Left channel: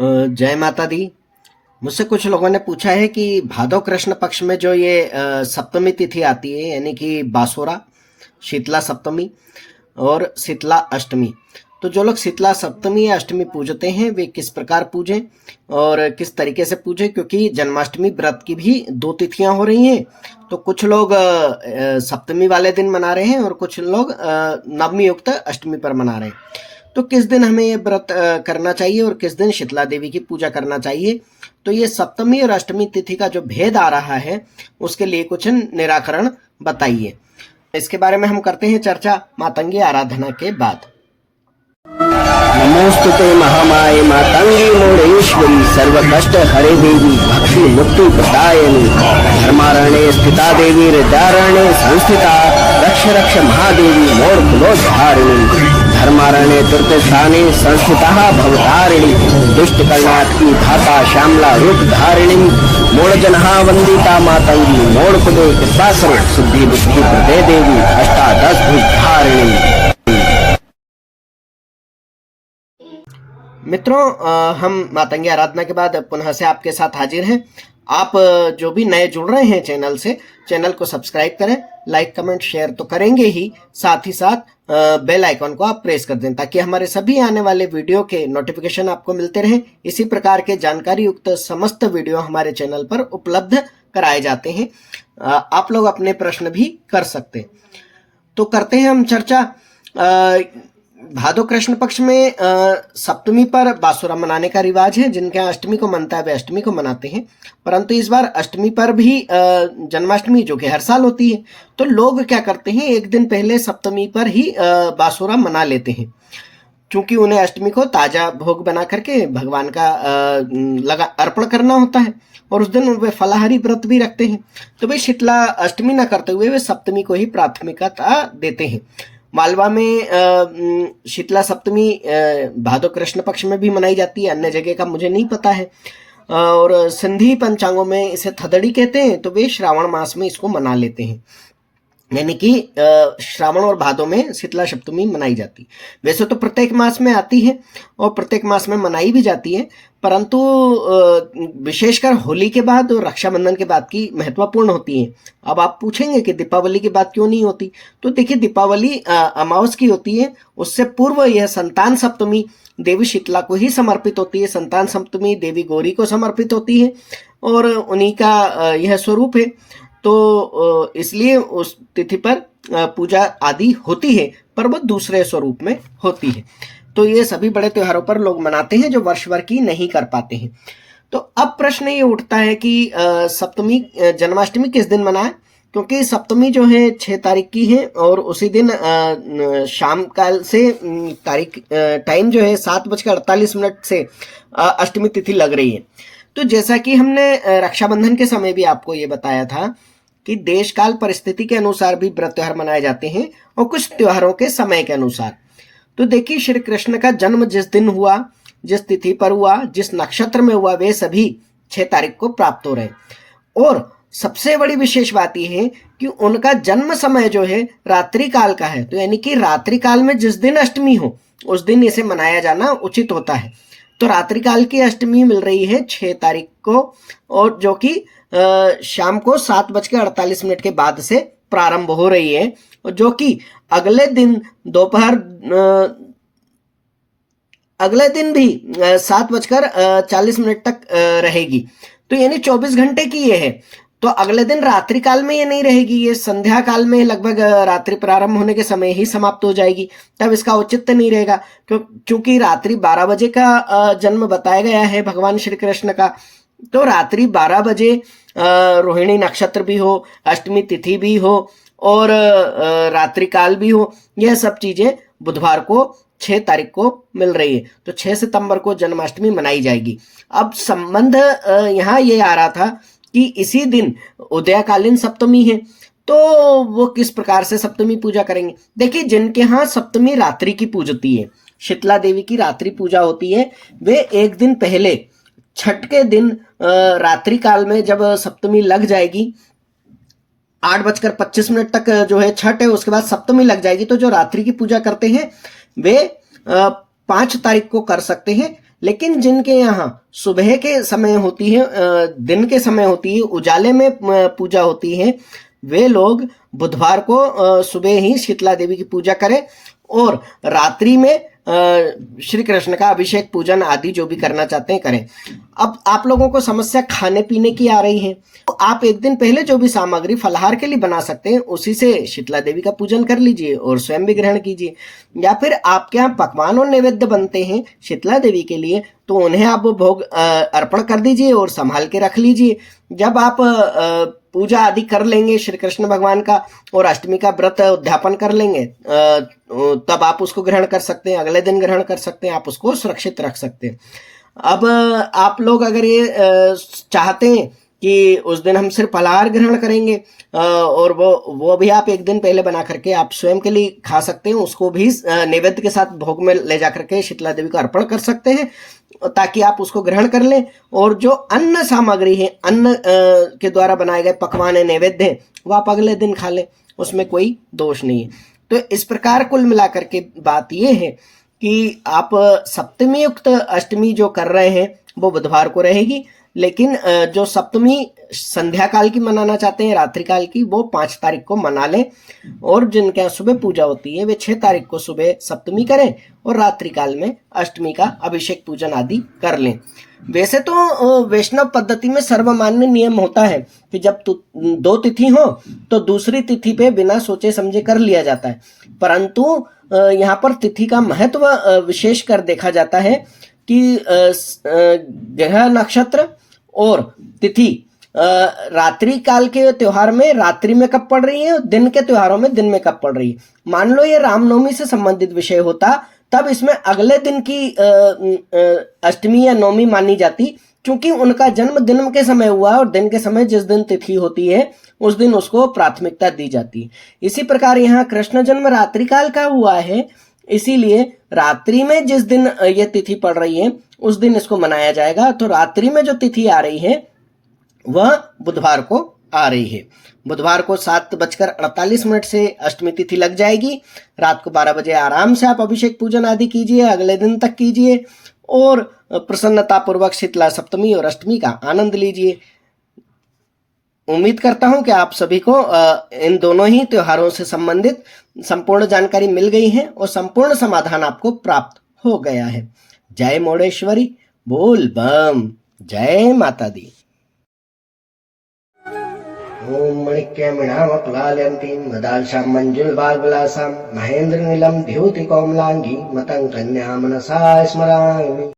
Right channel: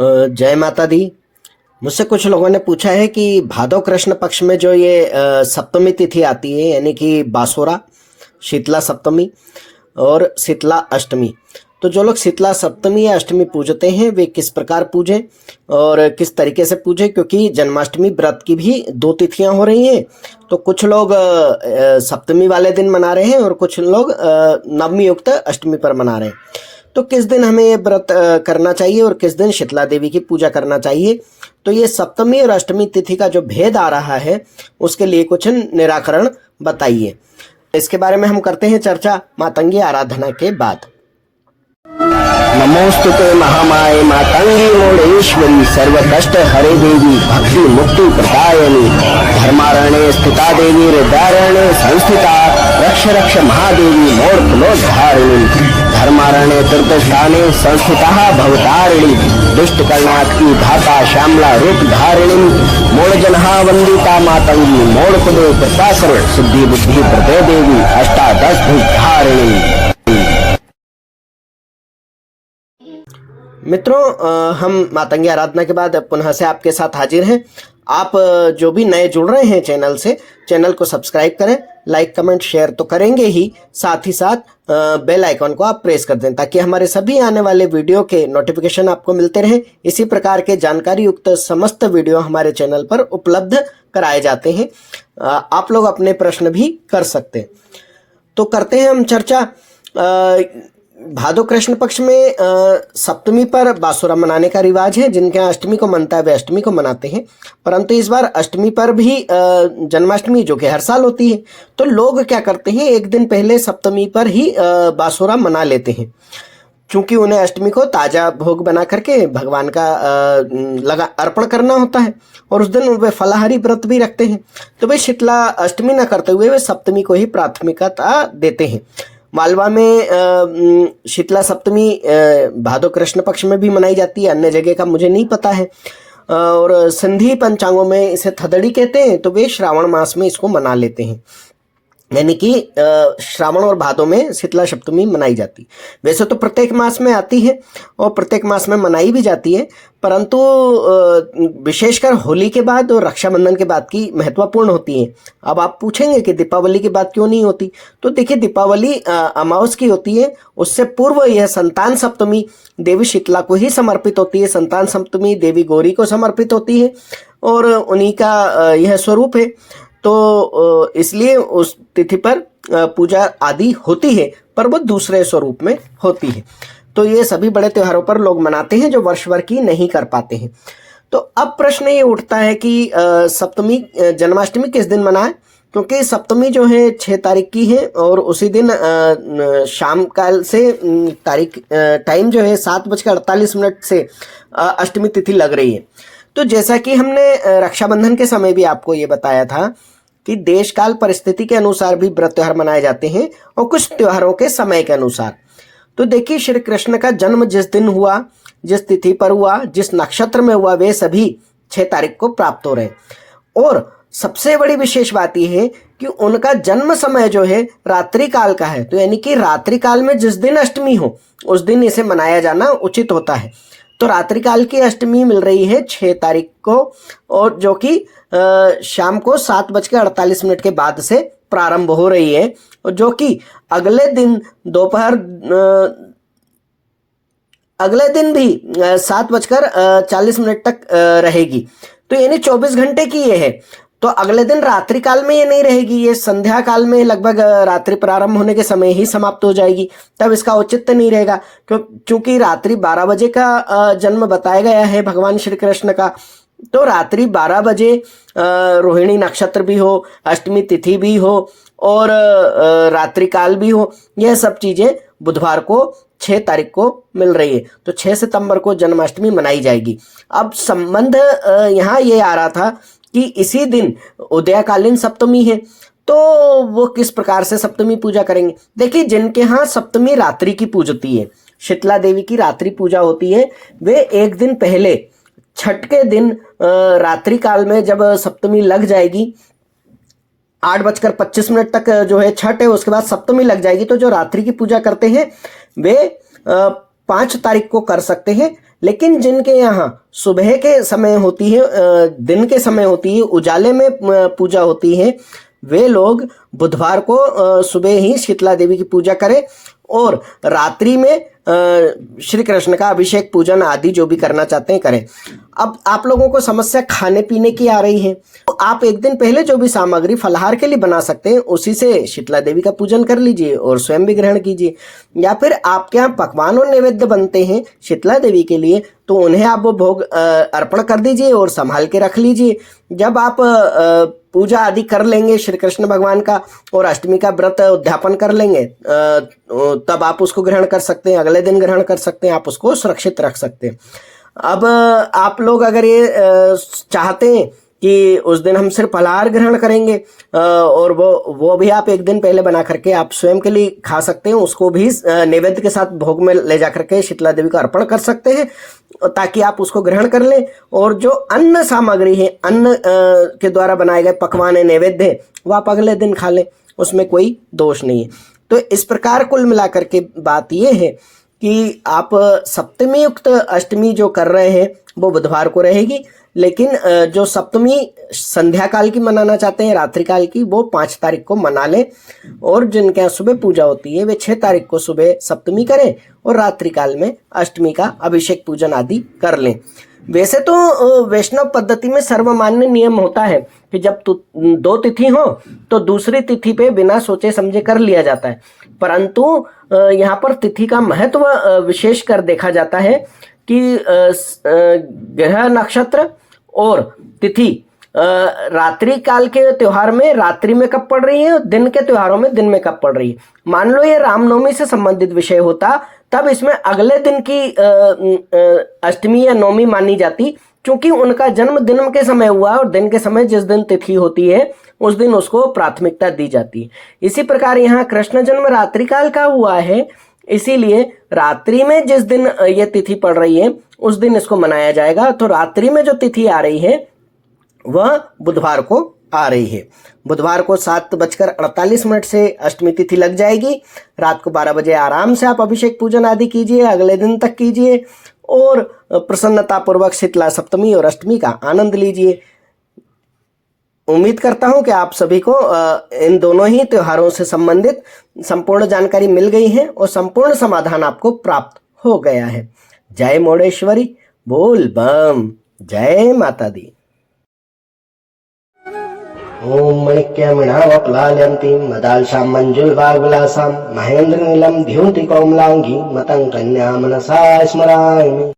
जय माता दी। मुझसे कुछ लोगों ने पूछा है कि भादव कृष्ण पक्ष में जो ये सप्तमी तिथि आती है, यानी कि बासुरा, शीतला सप्तमी और शीतला अष्टमी, तो जो लोग शीतला सप्तमी या अष्टमी पूजते हैं वे किस प्रकार पूजें और किस तरीके से पूजें, क्योंकि जन्माष्टमी व्रत की भी दो तिथियां हो रही हैं। तो कुछ लोग सप्तमी वाले दिन मना रहे हैं और कुछ लोग नवमी युक्त अष्टमी पर मना रहे हैं। तो किस दिन हमें ये व्रत करना चाहिए और किस दिन शीतला देवी की पूजा करना चाहिए, तो ये सप्तमी और अष्टमी तिथि का जो भेद आ रहा है उसके लिए कुछ निराकरण बताइए। इसके बारे में हम करते हैं चर्चा मातंगी आराधना के बाद। नमोस्तुते महामाये मातंगी मोड़ेश्वरी सर्व कष्ट हरे देवी भक्ति मुक्ति प्रदायिनी धर्मारण्ये स्थिता देवी हृदयारण्ये संस्थिता रक्ष रक्ष महादेवी मोड़ कुलोद्धारिणी धर्मारण्ये तीर्थस्थाने संस्थिता भवतारिणी दुष्ट कर्णात्मी धाता श्यामला रूप धारिणी मोड़ जनहा वंदिता मातंगी मोड़ कुले कृपा करो सिद्धि बुद्धि प्रदे देवी अष्टादश धारिणी। मित्रों, हम मातंगी आराधना के बाद पुनः से आपके साथ हाजिर हैं। आप जो भी नए जुड़ रहे हैं चैनल से, चैनल को सब्सक्राइब करें, लाइक कमेंट शेयर तो करेंगे ही, साथ ही साथ बेल आइकॉन को आप प्रेस कर दें ताकि हमारे सभी आने वाले वीडियो के नोटिफिकेशन आपको मिलते रहें। इसी प्रकार के जानकारी युक्त समस्त वीडियो हमारे चैनल पर उपलब्ध कराए जाते हैं। आप लोग अपने प्रश्न भी कर सकते हैं। तो करते हैं हम चर्चा। भादो कृष्ण पक्ष में सप्तमी पर बासुरा मनाने का रिवाज है। जिनके यहाँ अष्टमी को मनता है वे अष्टमी को मनाते हैं, परंतु इस बार अष्टमी पर भी जन्माष्टमी जो कि हर साल होती है, तो लोग क्या करते हैं, एक दिन पहले सप्तमी पर ही बासुरा मना लेते हैं, क्योंकि उन्हें अष्टमी को ताजा भोग बना करके भगवान का अर्पण करना होता है और उस दिन वे फलाहारी व्रत भी रखते हैं। तो वे शीतला अष्टमी न करते हुए वे सप्तमी को ही प्राथमिकता देते हैं। मालवा में शीतला सप्तमी भादो कृष्ण पक्ष में भी मनाई जाती है, अन्य जगह का मुझे नहीं पता है। और सिंधी पंचांगों में इसे थदड़ी कहते हैं, तो वे श्रावण मास में इसको मना लेते हैं, यानी कि श्रावण और भादों में शीतला सप्तमी मनाई जाती। वैसे तो प्रत्येक मास में आती है और प्रत्येक मास में मनाई भी जाती है, परंतु विशेषकर होली के बाद और रक्षाबंधन के बाद की महत्वपूर्ण होती है। अब आप पूछेंगे कि दीपावली के बाद क्यों नहीं होती, तो देखिए दीपावली अमावस की होती है, उससे पूर्व यह संतान सप्तमी देवी शीतला को ही समर्पित होती है। संतान सप्तमी देवी गौरी को समर्पित होती है और उन्हीं का यह स्वरूप है। तो इसलिए उस तिथि पर पूजा आदि होती है, पर वो दूसरे स्वरूप में होती है। तो ये सभी बड़े त्योहारों पर लोग मनाते हैं जो वर्ष भर की नहीं कर पाते हैं। तो अब प्रश्न ये उठता है कि सप्तमी जन्माष्टमी किस दिन मनाएं, क्योंकि सप्तमी जो है 6 तारीख की है और उसी दिन शाम काल से टाइम जो है 7:48 से अष्टमी तिथि लग रही है। तो जैसा कि हमने रक्षाबंधन के समय भी आपको ये बताया था कि देश काल परिस्थिति के अनुसार भी व्रत त्योहार मनाए जाते हैं और कुछ त्योहारों के समय के अनुसार। तो देखिए, श्री कृष्ण का जन्म जिस दिन हुआ, जिस तिथि पर हुआ, जिस नक्षत्र में हुआ, वे सभी 6 तारीख को प्राप्त हो रहे हैं। और सबसे बड़ी विशेष बात यह है कि उनका जन्म समय जो है रात्रि काल का है, तो यानी कि रात्रि काल में जिस दिन अष्टमी हो उस दिन इसे मनाया जाना उचित होता है। तो रात्रि काल की अष्टमी मिल रही है 6 तारीख को, और जो कि शाम को 7:48 के बाद से प्रारंभ हो रही है, और जो कि अगले दिन दोपहर अगले दिन भी 7:40 तक रहेगी। तो यानी 24 घंटे की ये है। तो अगले दिन रात्रि काल में ये नहीं रहेगी, ये संध्या काल में लगभग रात्रि प्रारंभ होने के समय ही समाप्त हो जाएगी, तब इसका औचित्य नहीं रहेगा। क्योंकि रात्रि 12 बजे का जन्म बताया गया है भगवान श्री कृष्ण का, तो रात्रि 12 बजे रोहिणी नक्षत्र भी हो, अष्टमी तिथि भी हो और रात्रि काल भी हो, यह सब चीजें बुधवार को 6 तारीख को मिल रही है। तो 6 सितंबर को जन्माष्टमी मनाई जाएगी। अब संबंध यहाँ ये आ रहा था कि इसी दिन उदयकालीन सप्तमी है, तो वो किस प्रकार से सप्तमी पूजा करेंगे। देखिए, जिनके यहाँ सप्तमी रात्रि की पूजती है, शीतला देवी की रात्रि पूजा होती है, वे एक दिन पहले छठ के दिन रात्रि काल में जब सप्तमी लग जाएगी, 8:25 तक जो है छठ है, उसके बाद सप्तमी लग जाएगी, तो जो रात्रि की पूजा करते हैं वे 5 तारीख को कर सकते हैं, लेकिन जिनके यहाँ सुबह के समय होती है, दिन के समय होती है, उजाले में पूजा होती है, वे लोग बुधवार को सुबह ही शीतला देवी की पूजा करें और रात्रि में श्री कृष्ण का अभिषेक पूजन आदि जो भी करना चाहते हैं करें। अब आप लोगों को समस्या खाने पीने की आ रही है, तो आप एक दिन पहले जो भी सामग्री फलाहार के लिए बना सकते हैं उसी से शीतला देवी का पूजन कर लीजिए और स्वयं भी ग्रहण कीजिए। या फिर आपके यहाँ पकवान और नैवेद्य बनते हैं शीतला देवी के लिए, तो उन्हें आप भोग अर्पण कर दीजिए और संभाल के रख लीजिए। जब आप पूजा आदि कर लेंगे श्री कृष्ण भगवान का और अष्टमी का व्रत उद्यापन कर लेंगे, तब आप उसको ग्रहण कर सकते हैं, अगले दिन ग्रहण कर सकते हैं, आप उसको सुरक्षित रख सकते हैं। अब आप लोग अगर ये चाहते हैं कि उस दिन हम सिर्फ फलाहार ग्रहण करेंगे और वो भी आप एक दिन पहले बना करके आप स्वयं के लिए खा सकते हैं, उसको भी नैवेद्य के साथ भोग में ले जा करके शीतला देवी को अर्पण कर सकते हैं ताकि आप उसको ग्रहण कर लें। और जो अन्न सामग्री है, अन्न के द्वारा बनाए गए पकवान है, नैवेद्य है, वो आप अगले दिन खा लें, उसमें कोई दोष नहीं है। तो इस प्रकार कुल मिलाकर के बात ये है कि आप सप्तमी युक्त अष्टमी जो कर रहे हैं वो बुधवार को रहेगी, लेकिन जो सप्तमी संध्या काल की मनाना चाहते हैं, रात्रि काल की, वो 5 तारीख को मना लें। और जिनके यहाँ सुबह पूजा होती है वे 6 तारीख को सुबह सप्तमी करें और रात्रि काल में अष्टमी का अभिषेक पूजन आदि कर लें। वैसे तो वैष्णव पद्धति में सर्वमान्य नियम होता है कि जब 2 तिथि हो तो दूसरी तिथि पे बिना सोचे समझे कर लिया जाता है, परंतु यहाँ पर तिथि का महत्व विशेष कर देखा जाता है कि ग्रह नक्षत्र और तिथि रात्रि काल के त्योहार में रात्रि में कब पड़ रही है और दिन के त्योहारों में दिन में कब पड़ रही है। मान लो ये रामनवमी से संबंधित विषय होता तब इसमें अगले दिन की अष्टमी या नवमी मानी जाती, क्योंकि उनका जन्म दिन के समय हुआ और दिन के समय जिस दिन तिथि होती है उस दिन उसको प्राथमिकता दी जाती है। इसी प्रकार यहाँ कृष्ण जन्म रात्रि काल का हुआ है, इसीलिए रात्रि में जिस दिन ये तिथि पड़ रही है उस दिन इसको मनाया जाएगा। तो रात्रि में जो तिथि आ रही है वह बुधवार को आ रही है। बुधवार को 7:48 से अष्टमी तिथि लग जाएगी। रात को 12 बजे आराम से आप अभिषेक पूजन आदि कीजिए, अगले दिन तक कीजिए और प्रसन्नता पूर्वक शीतला सप्तमी और अष्टमी का आनंद लीजिए। उम्मीद करता हूं कि आप सभी को इन दोनों ही त्योहारों से संबंधित संपूर्ण जानकारी मिल गई है और संपूर्ण समाधान आपको प्राप्त हो गया है। जय मोडेश्वरी, बोल बम, जय माता दी। ओम मणिक्यमिणावप्लालयन्तीं मदालशां मंजुलभागविलासां महेन्द्रनीलं द्युतिकोमलाङ्गीं मतं कन्या मनसा स्मरामि।